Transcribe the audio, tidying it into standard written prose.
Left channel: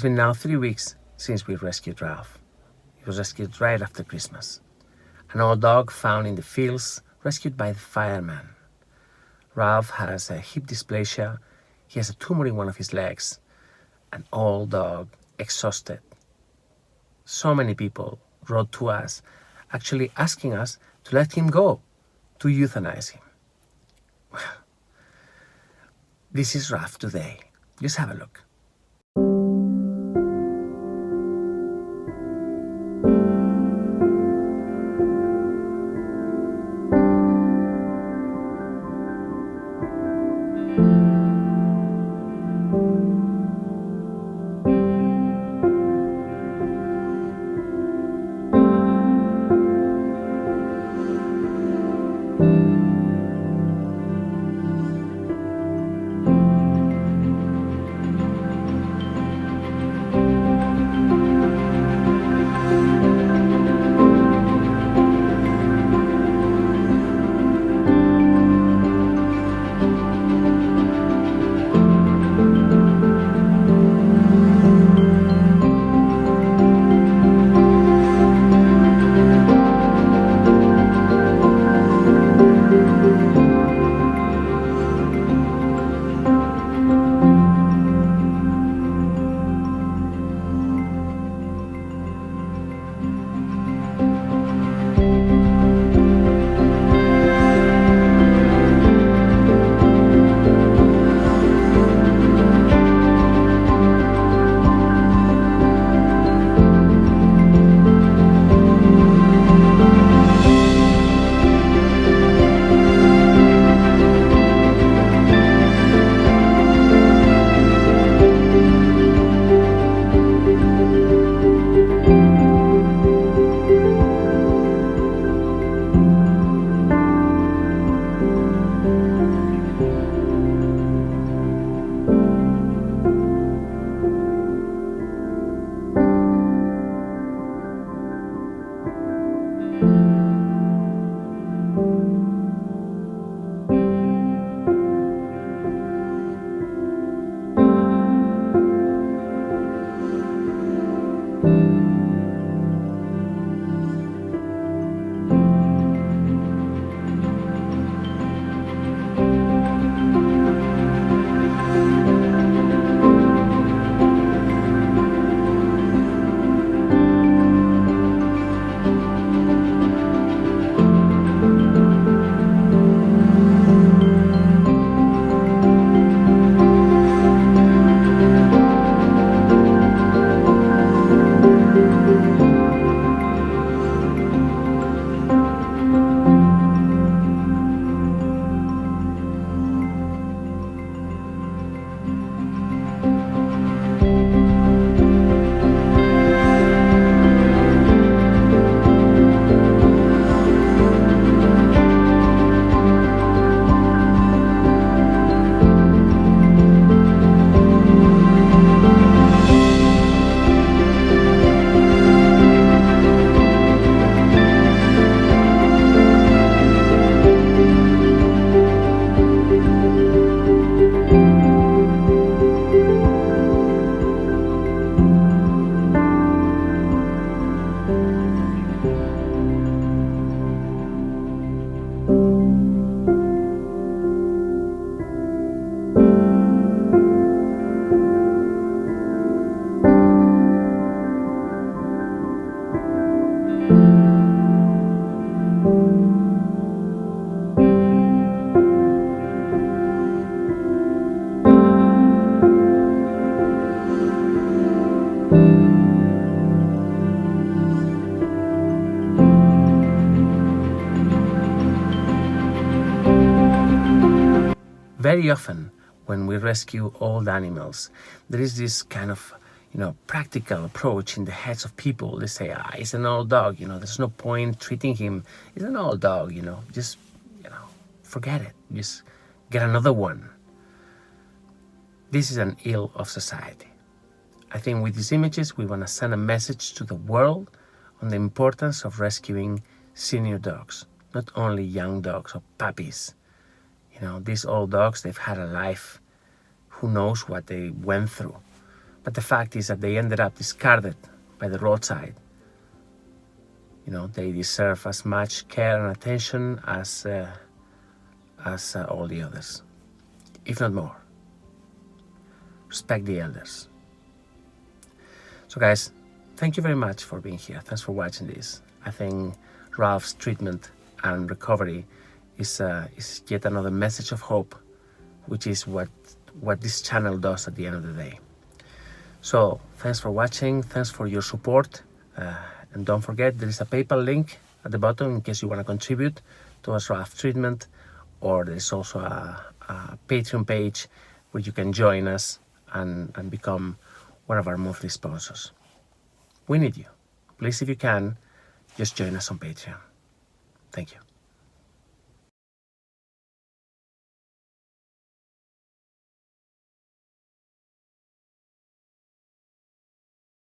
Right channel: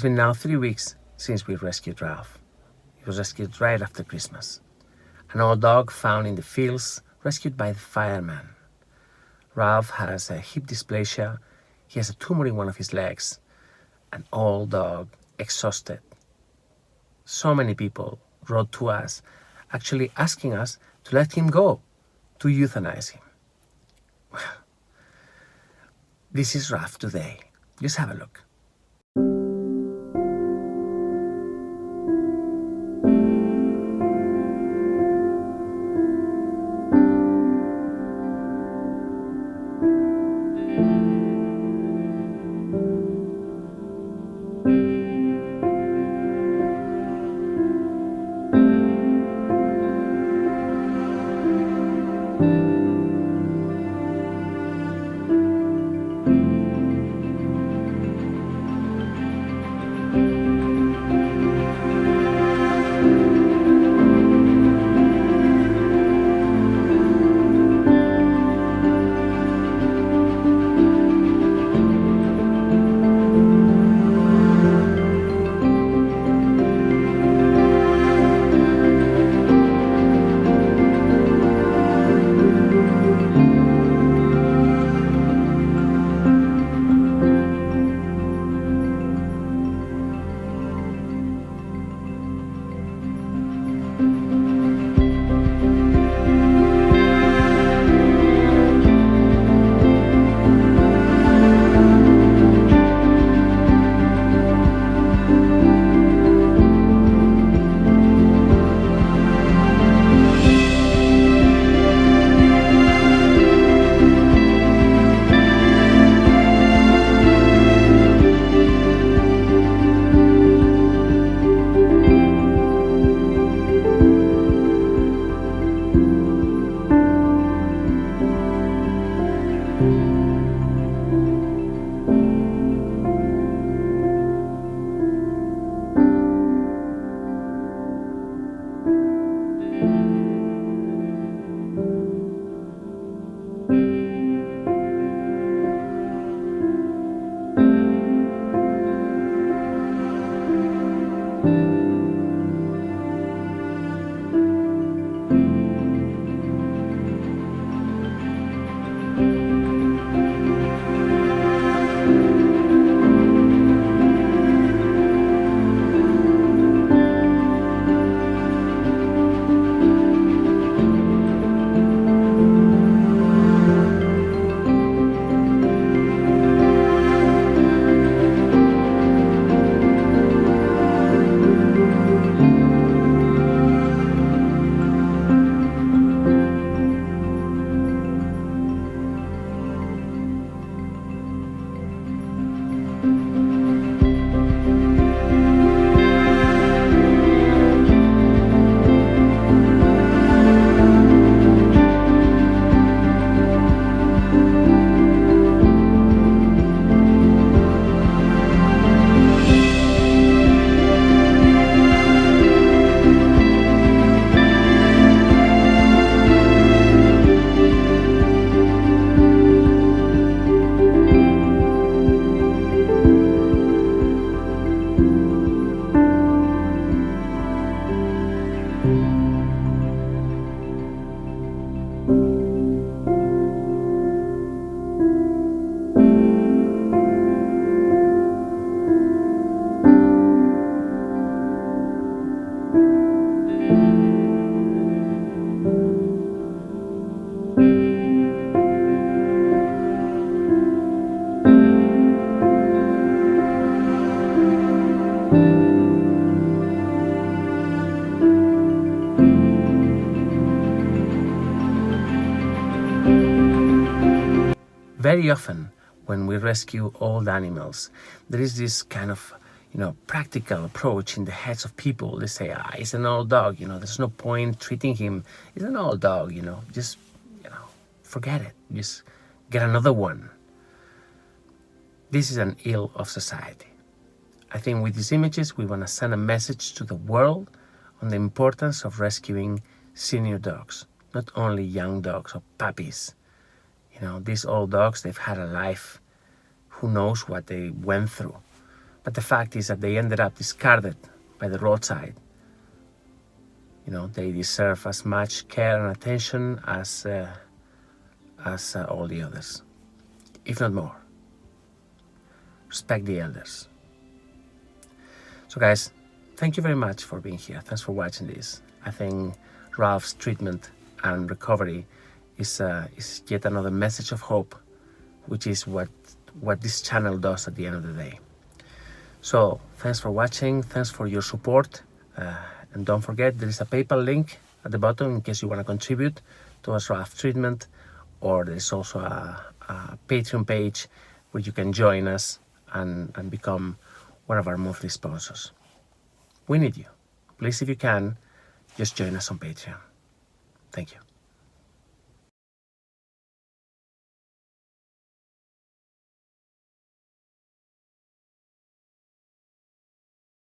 It's been now 3 weeks since we rescued Ralph. He was rescued right after Christmas. An old dog found in the fields, rescued by the firemen. Ralph has a hip dysplasia. He has a tumor in one of his legs. An old dog, exhausted. So many people wrote to us, actually asking us to let him go, to euthanize him. This is Ralph today. Just have a look. Very often, when we rescue old animals, there is this kind of, practical approach in the heads of people. They say, it's an old dog, there's no point treating him. It's an old dog, just, forget it. Just get another one. This is an ill of society. I think with these images, we want to send a message to the world on the importance of rescuing senior dogs, not only young dogs or puppies. These old dogs, they've had a life. Who knows what they went through. But But the fact is that they ended up discarded by the roadside. You know, they deserve as much care and attention as all the others, if not more. Respect the elders. So guys, thank you very much for being here. Thanks for watching this. I think Ralph's treatment and recovery is yet another message of hope, which is what this channel does at the end of the day. So thanks for watching, thanks for your support, and don't forget there is a PayPal link at the bottom in case you want to contribute towards Ralph's treatment, or there's also a Patreon page where you can join us and become one of our monthly sponsors. We need you. Please, if you can, just join us on Patreon. Thank you.